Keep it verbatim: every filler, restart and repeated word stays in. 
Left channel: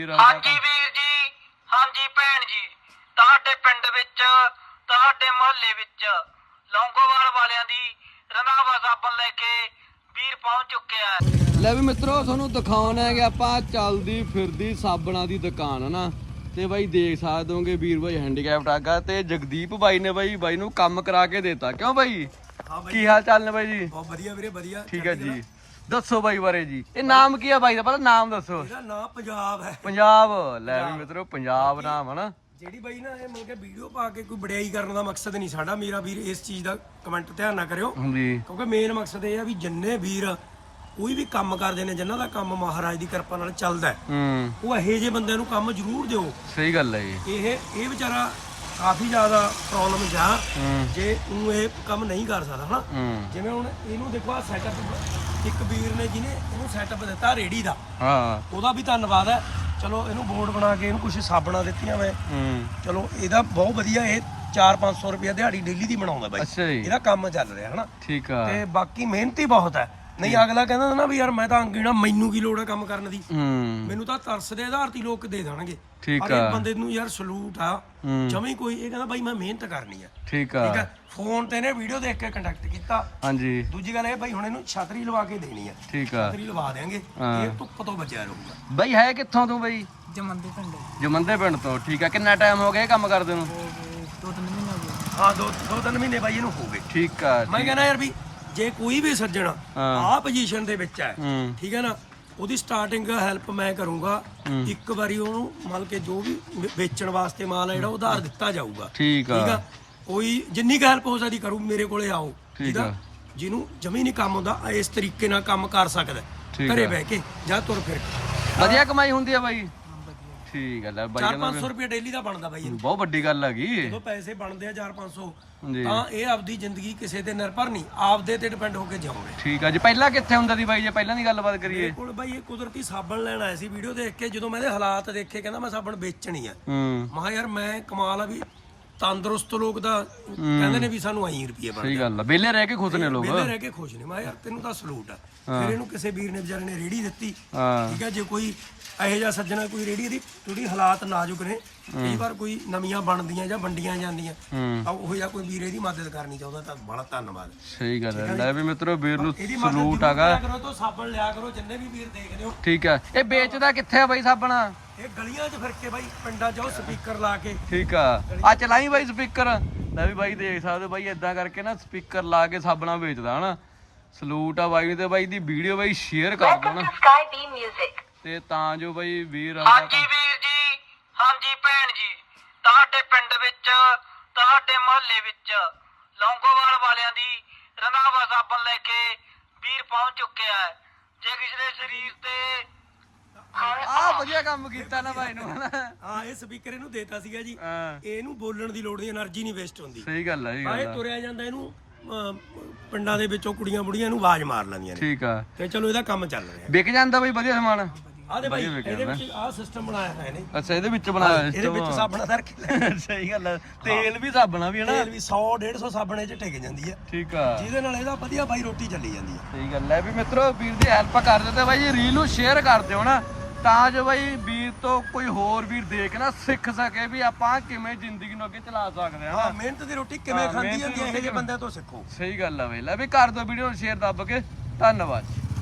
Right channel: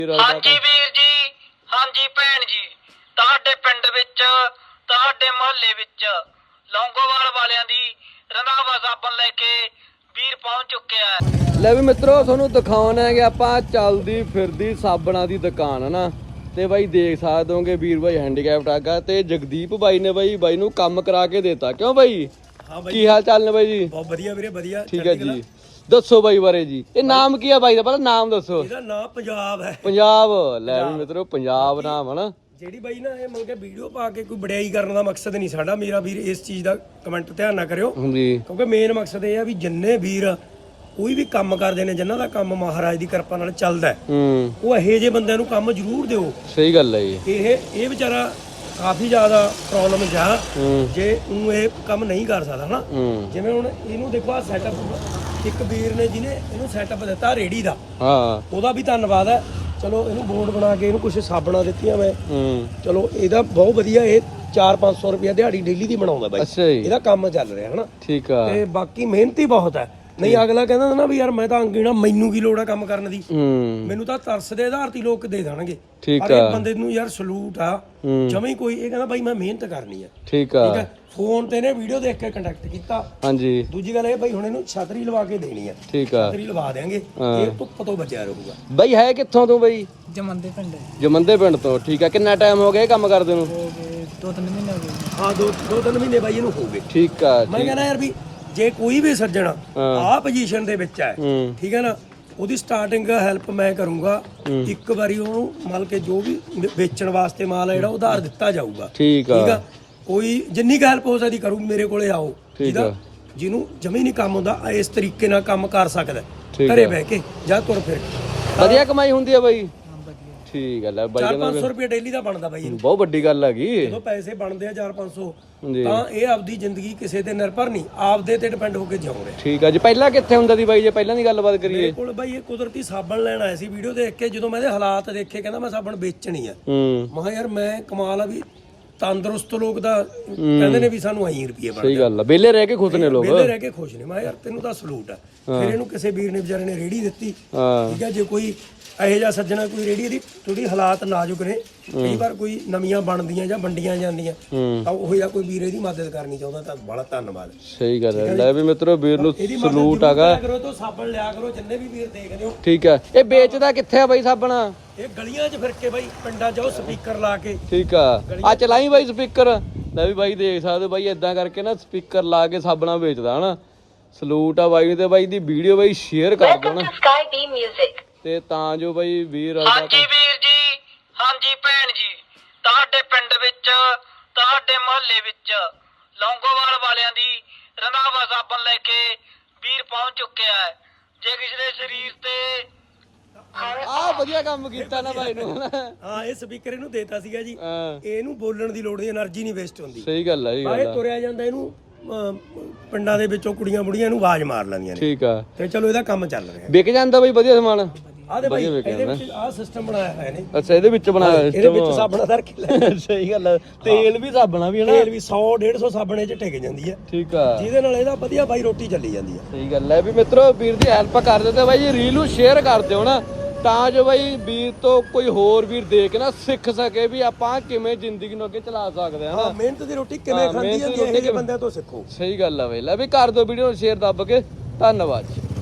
ਹਾਂਜੀ ਵੀਰ ਜੀ, ਹਾਂਜੀ ਭੈਣ ਜੀ, ਤੁਹਾਡੇ ਪਿੰਡ ਵਿੱਚ ਤੁਹਾਡੇ ਮੁਹੱਲੇ ਵਿੱਚ ਲੌਂਗੋਵਾਲ ਵਾਲਿਆਂ ਦੀ ਰੰਧਾਵਾ ਸਾਬਣ ਲੈ ਕੇ ਵੀਰ ਪਹੁੰਚ ਚੁੱਕਿਆ ਹੈ। ਲੈ ਵੀ ਮਿੱਤਰੋ ਤੁਹਾਨੂੰ ਦਿਖਾਉਣਾ ਹੈ ਕਿ ਆਪਾਂ ਚੱਲਦੀ ਫਿਰਦੀ ਸਾਬਣਾਂ ਦੀ ਦੁਕਾਨ ਹੈ ਨਾ, ਤੇ ਬਾਈ ਦੇਖ ਸਕਦੇ ਹੋਗੇ ਵੀਰ ਬਾਈ ਹੈਂਡੀਕੈਪਟ ਆਗਾ ਤੇ ਜਗਦੀਪ ਬਾਈ ਨੇ ਬਾਈ ਬਾਈ ਨੂੰ ਕੰਮ ਕਰਾ ਕੇ ਦਿੱਤਾ। ਕਿਉਂ ਬਾਈ? ਹਾਂ ਬਾਈ, ਕੀ ਹਾਲ ਚਾਲ ਨੇ ਬਾਈ ਜੀ? ਬਹੁਤ ਵਧੀਆ ਵੀਰੇ, ਵਧੀਆ। ਠੀਕ ਹੈ ਜੀ, ਦੱਸੋ ਬਾਈ ਬਾਰੇ ਜੀ। ਇਹ ਨਾਮ ਕੀ ਆ ਬਾਈ ਦਾ? ਪਤਾ ਨਾਮ ਦੱਸੋ। ਇਹਦਾ ਨਾਮ ਪੰਜਾਬ ਹੈ। ਪੰਜਾਬ। ਲੈ ਵੀ ਮਿੱਤਰੋ ਪੰਜਾਬ ਨਾਮ ਹੈ ਨਾ। ਜਿਹੜੀ ਬਾਈ ਨਾ ਇਹ ਮਤਲਬ ਕਿ ਵੀਡੀਓ ਪਾ ਕੇ ਕੋਈ ਵਡਿਆਈ ਕਰਨ ਦਾ ਮਕਸਦ ਨਹੀਂ ਸਾਡਾ। ਮੇਰਾ ਵੀਰ ਇਸ ਚੀਜ਼ ਦਾ ਕਮੈਂਟ ਧਿਆਨ ਨਾ ਕਰਿਓ, ਜੀ, ਕਿਉਂਕਿ ਮੇਨ ਮਕਸਦ ਇਹ ਆ ਵੀ ਜਿੰਨੇ ਵੀਰ ਕੋਈ ਵੀ ਕੰਮ ਕਰਦੇ ਨੇ, ਜਿਨ੍ਹਾਂ ਦਾ ਕੰਮ ਮਹਾਰਾਜ ਦੀ ਕਿਰਪਾ ਨਾਲ ਚੱਲਦਾ, ਹੂੰ, ਉਹ ਇਹੋ ਜਿਹੇ ਬੰਦਿਆਂ ਨੂੰ ਕੰਮ ਜ਼ਰੂਰ ਦਿਓ। ਸਹੀ ਗੱਲ ਹੈ ਜੀ। ਇਹ ਇਹ ਵਿਚਾਰਾ ਕਾਫੀ ਜ਼ਿਆਦਾ ਪ੍ਰੋਬਲਮ ਜਾ ਹੂੰ, ਜੇ ਉਹਨੂੰ ਇਹ ਕੰਮ ਨਹੀਂ ਕਰ ਸਕਦਾ ਹਨਾ। ਹੂੰ, ਜਿਵੇਂ ਹੁਣ ਇਹਨੂੰ ਦੇਖੋ, ਆ ਸੈਟਅਪ ਇੱਕ ਵੀਰ ਨੇ ਜਿਹਨੇ ਇਹਨੂੰ ਸੈਟਅਪ ਦਿੱਤਾ ਰੇੜੀ ਦਾ, ਹਾਂ, ਉਹਦਾ ਵੀ ਧੰਨਵਾਦ ਹੈ। ਚਲੋ ਇਹਨੂੰ ਬੋਰਡ ਬਣਾ ਕੇ ਇਹਨੂੰ ਕੁਝ ਸਾਬਣਾਂ ਦਿੱਤੀਆਂ ਮੈਂ, ਹੂੰ, ਚਲੋ ਇਹਦਾ ਬਹੁਤ ਵਧੀਆ। ਇਹ ਚਾਰ ਪੰਜ ਸੌ ਰੁਪਇਆ ਦਿਹਾੜੀ ਡੇਲੀ ਦੀ ਬਣਾਉਂਦਾ ਬਾਈ। ਅੱਛਾ ਜੀ, ਇਹਦਾ ਕੰਮ ਚੱਲ ਰਿਹਾ ਹਨਾ। ਠੀਕ ਆ। ਤੇ ਬਾਕੀ ਮਿਹਨਤੀ ਬਹੁਤ ਹੈ। ਨਹੀਂ ਅਗਲਾ ਕਹਿੰਦਾ ਨਾ ਵੀ ਯਾਰ ਮੈਂ ਤਾਂ ਅੰਗੀਣਾ, ਮੈਨੂੰ ਕੀ ਲੋੜ ਹੈ ਕੰਮ ਕਰਨ ਦੀ, ਹੂੰ, ਮੈਨੂੰ ਤਾਂ ਤਰਸ ਦੇ ਆਧਾਰ ਤੇ ਲੋਕ ਦੇ ਦੇਣਗੇ। ਠੀਕ ਪਰ ਆ। ਇਹ ਬੰਦੇ ਨੂੰ ਯਾਰ ਸਲੂਟ ਆ ਹੂੰ, ਜਮੇ ਕੋਈ। ਇਹ ਕਹਿੰਦਾ ਬਾਈ ਮੈਂ ਮਿਹਨਤ ਕਰਨੀ ਆ। ਠੀਕ ਠੀਕ ਆ। ਹੈ, ਫੋਨ ਤੇ ਨੇ ਵੀਡੀਓ ਦੇਖ ਕੇ ਕੰਟੈਕਟ ਕੀਤਾ। ਹਾਂਜੀ, ਦੂਜੀ ਗੱਲ ਇਹ ਬਾਈ ਹੁਣ ਇਹਨੂੰ ਛਤਰੀ ਲਵਾ ਕੇ ਦੇਣੀ ਆ। ਠੀਕ ਆ। ਛਤਰੀ ਲਵਾ ਦੇਾਂਗੇ, ਹਾਂ। ਇਹ ਧੁੱਪ ਤੋਂ ਬਚਿਆ ਰਹੂਗਾ। ਬਾਈ ਹੈ ਕਿੱਥੋਂ ਤੂੰ ਬਾਈ? ਜਮੰਦੇ ਪਿੰਡ ਜਮੰਦੇ ਪਿੰਡ ਤੋਂ। ਠੀਕ ਆ। ਕਿੰਨਾ ਟਾਈਮ ਹੋ ਗਿਆ ਇਹ ਕੰਮ ਕਰਦੇ ਨੂੰ? ਹੋ ਗਏ ਦੋ ਤਿੰਨ ਮਹੀਨੇ ਹੋ ਗਏ। ਹਾਂ, ਦੋ ਦੋ ਤਿੰਨ ਮਹੀਨੇ ਬਾਈ ਇਹਨੂੰ ਹੋ ਗਏ। ਠੀਕ ਆ। ਮੈਂ ਕਹਿੰਦਾ ਯਾਰ ਵੀ ਜੇ ਕੋਈ ਵੀ ਸੱਜਣ ਹਾਂ। ਆਹ ਪੋਜੀਸ਼ਨ ਦੇ ਵਿੱਚ ਹੈ, ਹੂੰ, ਠੀਕ ਹੈ ਨਾ, ਉਹਦੀ ਸਟਾਰਟਿੰਗ ਹੈਲਪ ਮੈਂ ਕਰੂੰਗਾ। ਇੱਕ ਵਾਰੀ ਉਹਨੂੰ ਮੰਨ ਕੇ ਜੋ ਵੀ ਵੇਚਣ ਵਾਸਤੇ ਮਾਲ ਹੈ ਜਿਹੜਾ ਉਧਾਰ ਦਿੱਤਾ ਜਾਊਗਾ। ਠੀਕ ਆ। ਠੀਕ ਆ, ਕੋਈ ਜਿੰਨੀ ਕੁ ਹੈਲਪ ਹੋ ਸਕਦੀ ਕਰੂ। ਮੇਰੇ ਕੋਲੇ ਆਓ, ਠੀਕ ਆ। ਜਿਹਨੂੰ ਜਮੀ ਨਹੀਂ ਕੰਮ ਹੁੰਦਾ ਇਸ ਤਰੀਕੇ ਨਾਲ ਕੰਮ ਕਰ ਸਕਦਾ, ਠੀਕ ਘਰੇ ਆ। ਬਹਿ ਕੇ ਜਾਂ ਤੁਰ ਫਿਰ। ਵਧੀਆ ਕਮਾਈ ਹੁੰਦੀ ਆ ਬਾਈ? ਹਾਂ ਵਧੀਆ। ਠੀਕ ਆ। ਲੈ ਬਾਈ ਚਾਰ ਕਹਿੰਦਾ ਪੰਜ ਸੌ ਰੁਪਏ ਡੇਲੀ ਦਾ ਬਣਦਾ ਬਾਈ ਇਹਨੂੰ। ਬਹੁਤ ਵੱਡੀ ਗੱਲ ਹੈਗੀ। ਜਦੋਂ ਪੈਸੇ ਬਣਦੇ ਆ ਚਾਰ ਪੰਜ ਸੌ, ਜੀ, ਤਾਂ ਇਹ ਆਪਦੀ ਜ਼ਿੰਦਗੀ ਕਿਸੇ ਤੇ ਨਿਰਭਰ ਨਹੀਂ, ਆਪਦੇ ਤੇ ਡਿਪੈਂਡ ਹੋ ਕੇ ਜਿਉ ਰਿਹਾ। ਠੀਕ ਆ ਜੀ। ਪਹਿਲਾਂ ਕਿੱਥੇ ਹੁੰਦਾ ਸੀ ਬਾਈ? ਜੇ ਪਹਿਲਾਂ ਦੀ ਗੱਲਬਾਤ ਮੇਰੇ ਕਰੀਏ। ਕੋਲ ਬਾਈ ਇਹ ਕੁਦਰਤੀ ਸਾਬਣ ਲੈਣ ਆਇਆ ਸੀ ਵੀਡੀਓ ਦੇਖ ਕੇ। ਜਦੋਂ ਮੈਂ ਇਹਦੇ ਹਾਲਾਤ ਦੇਖੇ, ਕਹਿੰਦਾ ਮੈਂ ਸਾਬਣ ਵੇਚਣੀ ਆ। ਹੂੰ, ਮੈਂ ਕਿਹਾ ਯਾਰ ਮੈਂ ਕਮਾਲ ਆ ਵੀ ਤੰਦਰੁਸਤ ਲੋਕ ਦਾ ਕਹਿੰਦੇ ਨੇ ਵੀ ਸਾਨੂੰ ਐਂ ਰੁਪਏ ਸਹੀ ਬਣਦੇ, ਗੱਲ ਆ। ਵਿਹਲੇ ਰਹਿ ਕੇ ਖੁਸ਼ ਨੇ ਲੋਕ। ਵਿਹਲੇ ਰਹਿ ਕੇ ਖੁਸ਼ ਨੇ। ਮੈਂ ਕਿਹਾ ਯਾਰ ਤੈਨੂੰ ਤਾਂ ਸਲੂਟ ਆ। ਫਿਰ ਇਹਨੂੰ ਕਿਸੇ ਵੀਰ ਨੇ ਵਿਚਾਰੇ ਨੇ ਰੇੜੀ ਦਿੱਤੀ। ਹਾਂ, ਠੀਕ ਹੈ, ਜੇ ਕੋਈ ਇਹੋ ਜਿਹਾ ਸੱਜਣਾ, ਕੋਈ ਰੇੜੀ ਦੀ ਥੋੜੀ ਹਾਲਾਤ ਨਾਜ਼ੁਕ ਨੇ, ਕਈ ਵਾਰ ਕੋਈ ਨਵੀਆਂ ਬਣਦੀਆਂ ਜਾਂ ਵੰਡੀਆਂ ਜਾਂਦੀਆਂ, ਹੂੰ, ਤਾਂ ਉਹ ਜਿਹਾ ਕੋਈ ਵੀਰ ਇਹਦੀ ਮਦਦ ਕਰਨੀ ਚਾਹੁੰਦਾ ਤਾਂ ਬੜਾ ਧੰਨਵਾਦ। ਸਹੀ ਗੱਲ ਹੈ। ਲੈ ਵੀ ਮਿੱਤਰੋ ਵੀਰ ਨੂੰ ਇਹਦੀ ਮਦਦ ਸਲੂਟ ਜ਼ਰੂਰ ਹੈਗਾ। ਕਰਿਆ ਕਰੋ, ਤੋਂ ਸਾਬਣ ਲਿਆ ਕਰੋ ਜਿੰਨੇ ਵੀ ਵੀਰ ਦੇਖਦੇ ਹੋ। ਠੀਕ ਆ। ਇਹ ਵੇਚਦਾ ਕਿੱਥੇ ਆ ਬਾਈ ਸਾਬਣਾ? ਇਹ ਗਲੀਆਂ 'ਚ ਫਿਰ ਕੇ ਬਾਈ, ਪਿੰਡਾਂ 'ਚ ਉਹ ਸਪੀਕਰ ਲਾ ਕੇ। ਠੀਕ ਆ। ਆ ਚਲਾਈ ਬਾਈ ਸਪੀਕਰ। ਲੈ ਵੀ ਬਾਈ ਦੇਖ ਸਕਦੇ ਬਾਈ ਇਦਾਂ ਕਰਕੇ ਨਾ ਸਪੀਕਰ ਲਾ ਕੇ ਸਾਬਣਾ ਵੇਚਦਾ ਹਨਾ। ਸਲੂਟ ਆ ਬਾਈ ਨੂੰ। ਤੇ ਬਾਈ ਦੀ ਵੀਡੀਓ ਬਾਈ ਸ਼ੇਅਰ ਕਰ ਦਿਓ ਨਾ, ਤੇ ਤਾਂ ਜੋ ਬਾਈ ਵੀਰ ਹਾਂਜੀ ਵੀਰ ਜੀ, ਹਾਂਜੀ ਭੈਣ ਜੀ, ਤੁਹਾਡੇ ਪਿੰਡ ਵਿੱਚ ਤੁਹਾਡੇ ਮੁਹੱਲੇ ਵਿੱਚ ਲੌਂਗੋਵਾਲ ਵਾਲਿਆਂ ਦੀ ਰੰਧਾਵਾ ਸਾਬਣ ਲੈ ਕੇ ਵੀਰ ਪਹੁੰਚ ਚੁੱਕਿਆ ਹੈ। ਜੇ ਕਿਸੇ ਦੇ ਸਰੀਰ ਤੇ ਆ ਵਧੀਆ ਕੰਮ ਕੀਤਾ ਨਾ ਬਾਈ ਨੂੰ ਹਨਾ। ਹਾਂ, ਇਹ ਸਪੀਕਰ ਇਹਨੂੰ ਦੇਤਾ ਸੀਗਾ ਜੀ। ਹਾਂ, ਇਹਨੂੰ ਬੋਲਣ ਦੀ ਲੋੜ ਨਹੀਂ, એનર્ਜੀ ਨਹੀਂ ਵੇਸਟ ਹੁੰਦੀ। ਸਹੀ ਗੱਲ ਆ ਜੀ। ਬਾਹਰ ਗੱਲ ਆ। ਤੁਰਿਆ ਜਾਂਦਾ, ਇਹਨੂੰ ਅਮ, ਪਿੰਡਾਂ ਦੇ ਵਿੱਚੋਂ ਕੁੜੀਆਂ ਬੁੜੀਆਂ ਇਹਨੂੰ ਆਵਾਜ਼ ਮਾਰ ਲੈਂਦੀਆਂ ਨੇ। ਠੀਕ ਆ। ਤੇ ਚਲੋ ਇਹਦਾ ਕੰਮ ਚੱਲ ਰਿਹਾ। ਵਿਕ ਜਾਂਦਾ ਬਾਈ ਵਧੀਆ ਸਮਾਨ? ਆਹ ਦੇ ਬਾਈ ਇਹਦੇ ਵਿੱਚ ਆਹ ਸਿਸਟਮ ਬਣਾਇਆ ਹੋਇਆ ਨੇ। ਅੱਛਾ, ਇਹਦੇ ਵਿੱਚ ਬਣਾਇਆ ਇਹਦੇ ਵਿੱਚ ਸਾਬਣ ਧਰ ਕੇ ਲੈ, ਸਹੀ ਗੱਲ ਆ। ਤੇਲ ਵੀ ਸਾਬਣਾ ਵੀ ਹਨਾ। ਤੇਲ ਵੀ ਸੌ ਡੇਢ ਸੌ ਸਾਬਣੇ 'ਚ ਟਿਕ ਜਾਂਦੀ ਹੈ, ਠੀਕ ਆ। ਜਿਹਦੇ ਨਾਲ ਇਹਦਾ ਵਧੀਆ ਬਾਈ ਰੋਟੀ ਚੱਲੀ ਜਾਂਦੀ ਹੈ। ਸਹੀ ਗੱਲ ਹੈ ਵੀ ਮਿੱਤਰੋ ਵੀਰ ਦੀ ਹੈਲਪ ਕਰ ਦਿਓ ਤੇ ਬਾਈ ਜੀ ਰੀਲ ਨੂੰ ਸ਼ੇਅਰ ਕਰ ਦਿਓ ਨਾ, ਤਾਂ ਜੋ ਬਾਈ ਵੀਰ ਤੋਂ ਕੋਈ ਹੋਰ ਵੀਰ ਦੇਖ ਨਾ ਸਿੱਖ ਸਕੇ ਵੀ ਆਪਾਂ ਕਿਵੇਂ ਜ਼ਿੰਦਗੀ ਨੂੰ ਅੱਗੇ ਚਲਾ ਸਕਦੇ ਹਾਂ ਹਾਂ, ਹਨਾ। ਮਿਹਨਤ ਦੀ ਰੋਟੀ ਕਿਵੇਂ ਹਾਂ, ਖਾਂਦੀ ਮਿਹਨਤ ਹੈ, ਦੀ ਰੋਟੀ ਇਹੋ ਜਿਹੇ ਕਿਵੇਂ- ਬੰਦਿਆਂ ਤੋਂ ਸਿੱਖੋ। ਸਹੀ ਗੱਲ ਆ ਬਈ। ਲੈ ਵੀ ਕਰ ਦਿਓ ਵੀਡੀਓ ਨੂੰ ਸ਼ੇਅਰ ਦੱਬ ਕੇ। ਧੰਨਵਾਦ।